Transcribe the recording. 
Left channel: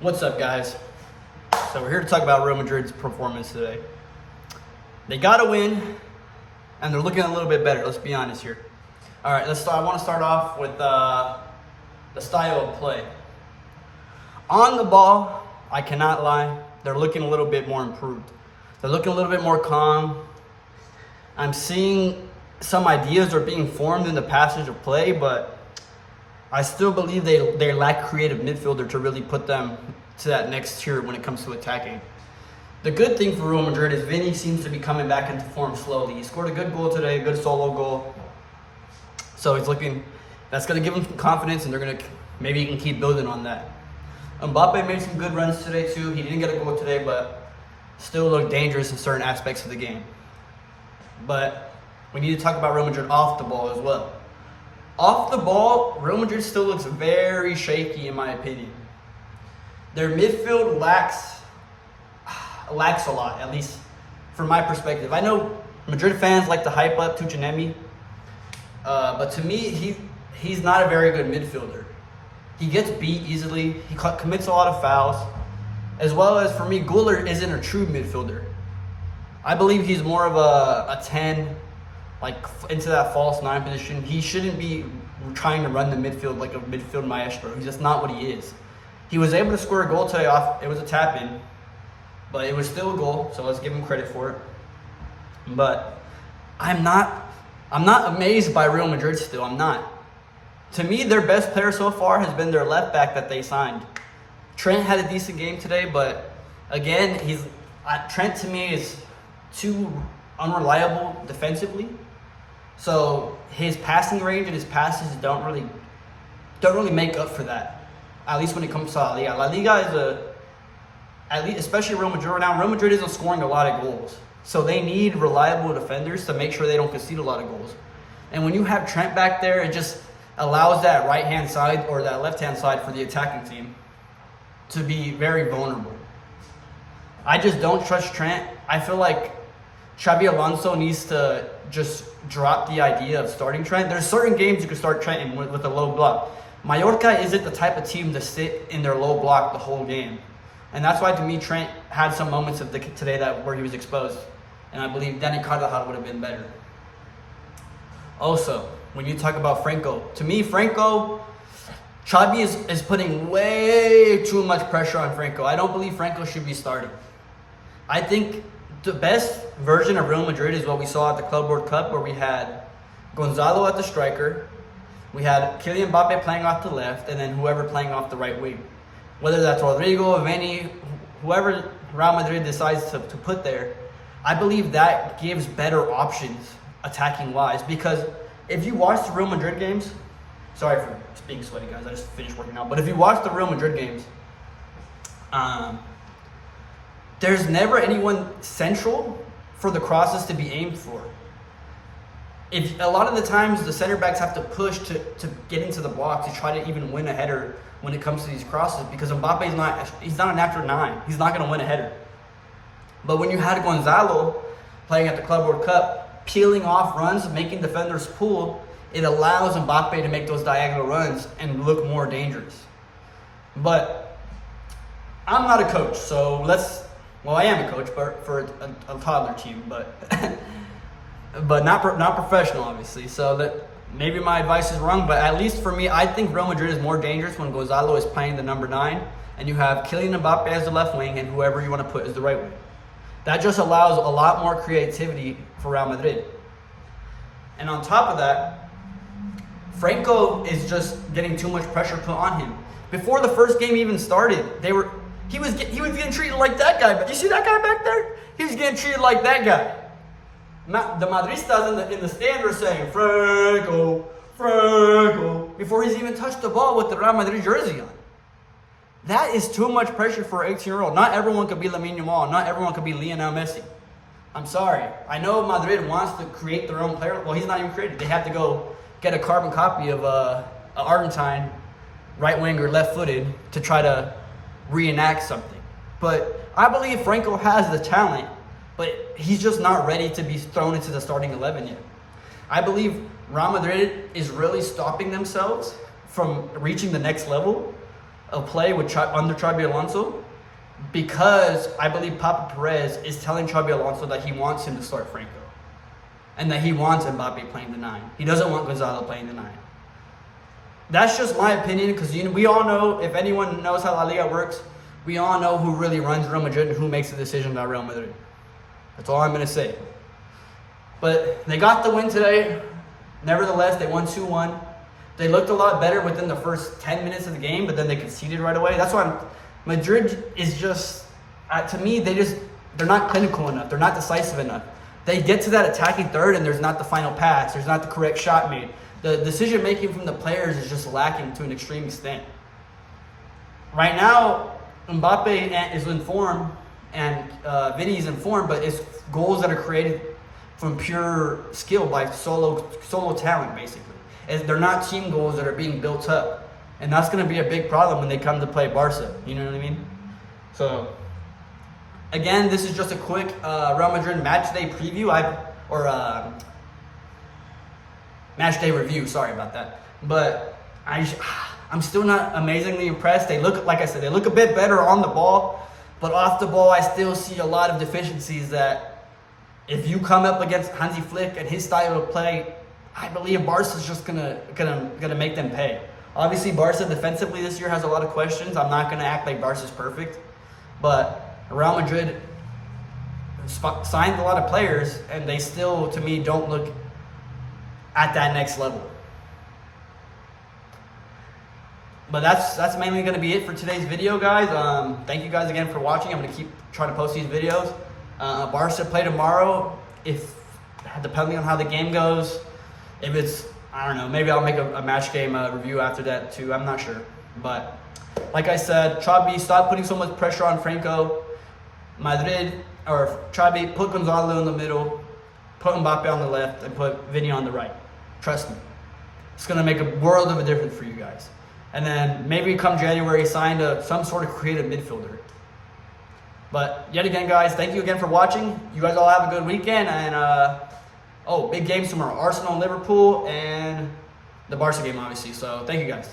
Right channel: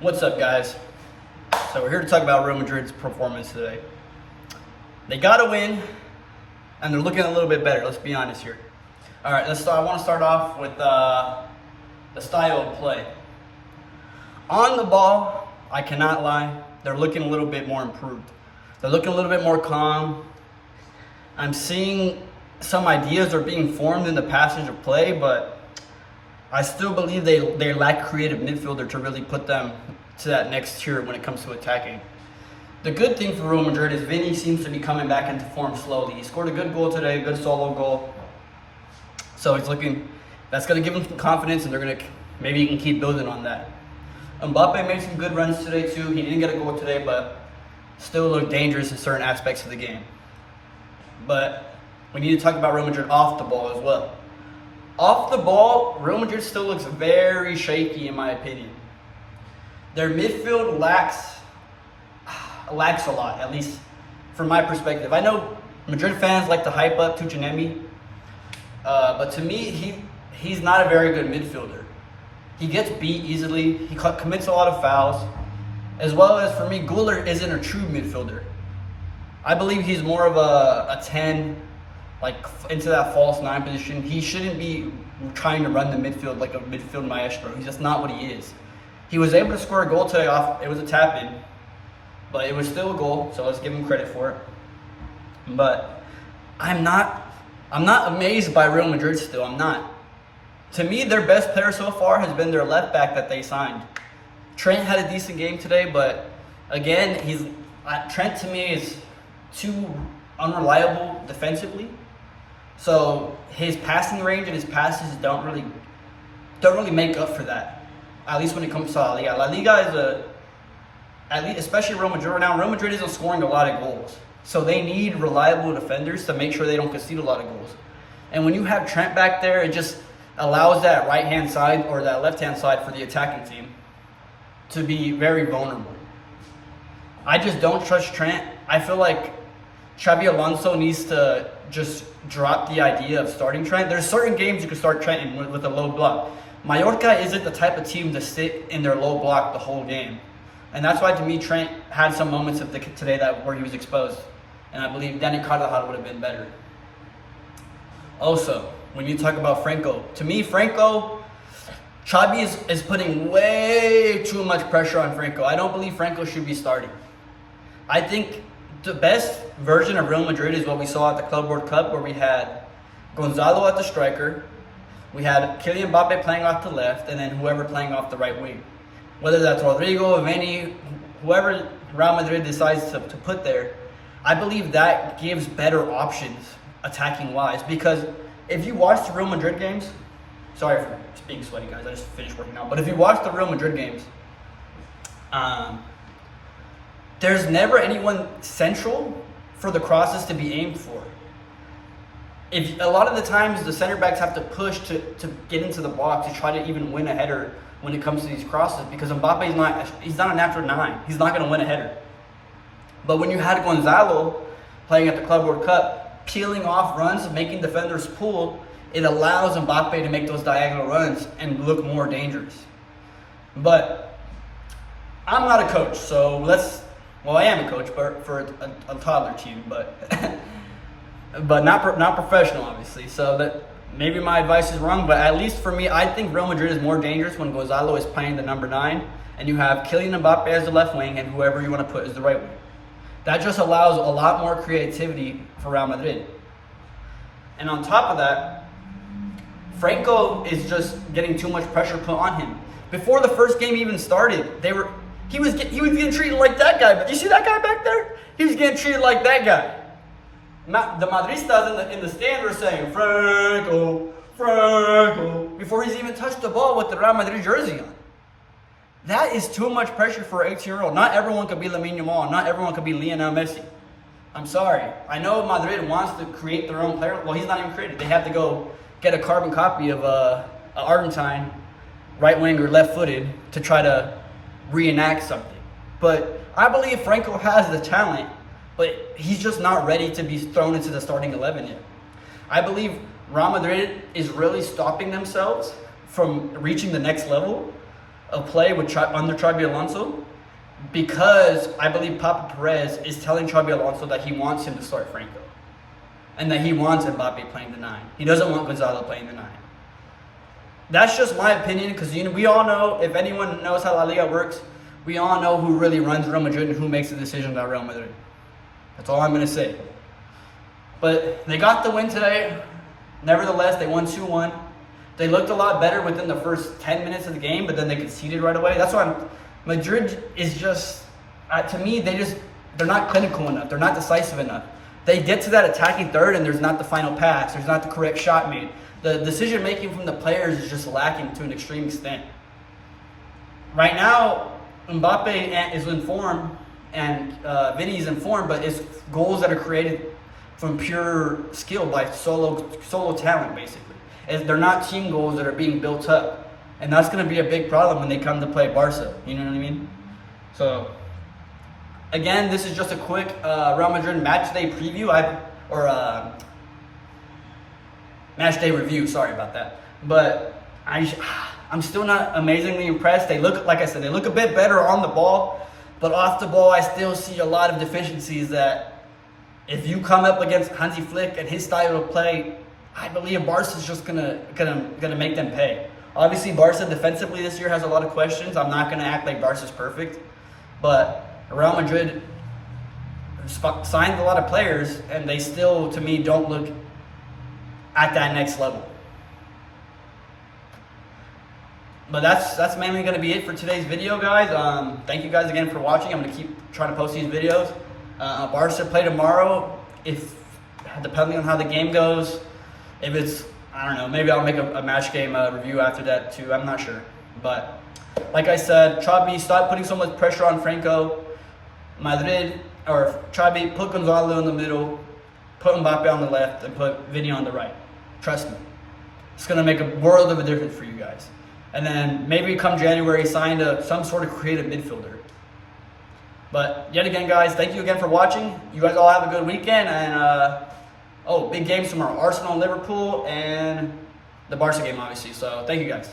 What's up, guys? So we're here to talk about Real Madrid's performance today. They got a win, and they're looking a little bit better. Let's be honest here. All right, I want to start off with the style of play. On the ball, I cannot lie, they're looking a little bit more improved. They're looking a little bit more calm. I'm seeing some ideas are being formed in the passage of play, but I still believe they lack creative midfielder to really put them to that next tier when it comes to attacking. The good thing for Real Madrid is Vinny seems to be coming back into form slowly. He scored a good goal today, a good solo goal. So that's going to give him some confidence, and maybe he can keep building on that. Mbappe made some good runs today too. He didn't get a goal today, but still looked dangerous in certain aspects of the game. But we need to talk about Real Madrid off the ball as well. Off the ball, Real Madrid still looks very shaky in my opinion. Their midfield lacks a lot, at least from my perspective. I know Madrid fans like to hype up Tuchinemi, but to me, he's not a very good midfielder. He gets beat easily. He commits a lot of fouls. As well as, for me, Güler isn't a true midfielder. I believe he's more of a 10, like into that false 9 position. He shouldn't be trying to run the midfield like a midfield maestro. He's just not what he is. He was able to score a goal today off. It was a tap-in, but it was still a goal, so let's give him credit for it. But I'm not amazed by Real Madrid still. I'm not. To me, their best player so far has been their left back that they signed. Trent had a decent game today, but again, Trent to me is too unreliable defensively. So his passing range and his passes don't really make up for that. At least when it comes to La Liga. La Liga is especially Real Madrid right now. Real Madrid isn't scoring a lot of goals, so they need reliable defenders to make sure they don't concede a lot of goals. And when you have Trent back there, it just allows that right-hand side or that left-hand side for the attacking team to be very vulnerable. I just don't trust Trent. I feel like Xabi Alonso needs to just drop the idea of starting Trent. There's certain games you can start Trent in with a low block. Mallorca isn't the type of team to sit in their low block the whole game. And that's why, to me, Trent had some moments today where he was exposed. And I believe Dani Carvajal would have been better. Also, when you talk about Franco, to me, Xabi is putting way too much pressure on Franco. I don't believe Franco should be starting. I think the best version of Real Madrid is what we saw at the Club World Cup, where we had Gonzalo at the striker, we had Kylian Mbappe playing off the left, and then whoever playing off the right wing. Whether that's Rodrigo, Vinny, whoever Real Madrid decides to put there, I believe that gives better options attacking-wise. Because if you watch the Real Madrid games, sorry for being sweaty, guys, I just finished working out. But if you watch the Real Madrid games, there's never anyone central for the crosses to be aimed for. If a lot of the times the center backs have to push to get into the box to try to even win a header when it comes to these crosses, because Mbappe he's not a natural 9. He's not going to win a header. But when you had Gonzalo playing at the Club World Cup, peeling off runs, making defenders pull, it allows Mbappe to make those diagonal runs and look more dangerous. But I'm not a coach, so I am a coach, but for a toddler team, but but not professional, obviously. So that maybe my advice is wrong, but at least for me, I think Real Madrid is more dangerous when Gonzalo is playing the number 9, and you have Kylian Mbappe as the left wing, and whoever you want to put as the right wing. That just allows a lot more creativity for Real Madrid. And on top of that, Franco is just getting too much pressure put on him. Before the first game even started, he was getting treated like that guy. But you see that guy back there? He was getting treated like that guy. The Madristas in the stand were saying, Franco, before he's even touched the ball with the Real Madrid jersey on. That is too much pressure for an 18-year-old. Not everyone could be Lamine Yamal. Not everyone could be Lionel Messi. I'm sorry. I know Madrid wants to create their own player. Well, he's not even created. They have to go get a carbon copy of an Argentine right winger, left-footed, to try to reenact something. But I believe Franco has the talent, but he's just not ready to be thrown into the starting 11 yet. I believe Real Madrid is really stopping themselves from reaching the next level of play with under Xabi Alonso, because I believe Papa Perez is telling Xabi Alonso that he wants him to start Franco, and that he wants Mbappe playing the 9. He doesn't want Gonzalo playing the 9. That's just my opinion, because we all know, if anyone knows how La Liga works, we all know who really runs Real Madrid and who makes the decisions at Real Madrid. That's all I'm going to say. But they got the win today. Nevertheless, they won 2-1. They looked a lot better within the first 10 minutes of the game, but then they conceded right away. That's why Madrid is just, to me, they're not clinical enough. They're not decisive enough. They get to that attacking third, and there's not the final pass. There's not the correct shot made. The decision-making from the players is just lacking to an extreme extent. Right now, Mbappe is in form, and Vini is in form, but it's goals that are created from pure skill by solo talent, basically. They're not team goals that are being built up. And that's going to be a big problem when they come to play Barca. You know what I mean? So, again, this is just a quick Real Madrid match day preview. Match day review, sorry about that. But I'm still not amazingly impressed. They look, like I said, they look a bit better on the ball. But off the ball, I still see a lot of deficiencies that if you come up against Hansi Flick and his style of play, I believe Barca's just gonna make them pay. Obviously, Barca defensively this year has a lot of questions. I'm not gonna act like Barca's perfect, but Real Madrid signed a lot of players, and they still, to me, don't look at that next level. But that's mainly going to be it for today's video, guys. Thank you guys again for watching. I'm going to keep trying to post these videos. Barca play tomorrow. Depending on how the game goes, if it's, I don't know, maybe I'll make a match game review after that too. I'm not sure. But like I said, Xabi, stop putting so much pressure on Franco. Xabi, put Gonzalo in the middle, put Mbappe on the left, and put Vini on the right. Trust me. It's going to make a world of a difference for you guys. And then maybe come January, sign some sort of creative midfielder. But yet again, guys, thank you again for watching. You guys all have a good weekend. And, big games tomorrow. Arsenal and Liverpool, and the Barca game, obviously. So thank you, guys.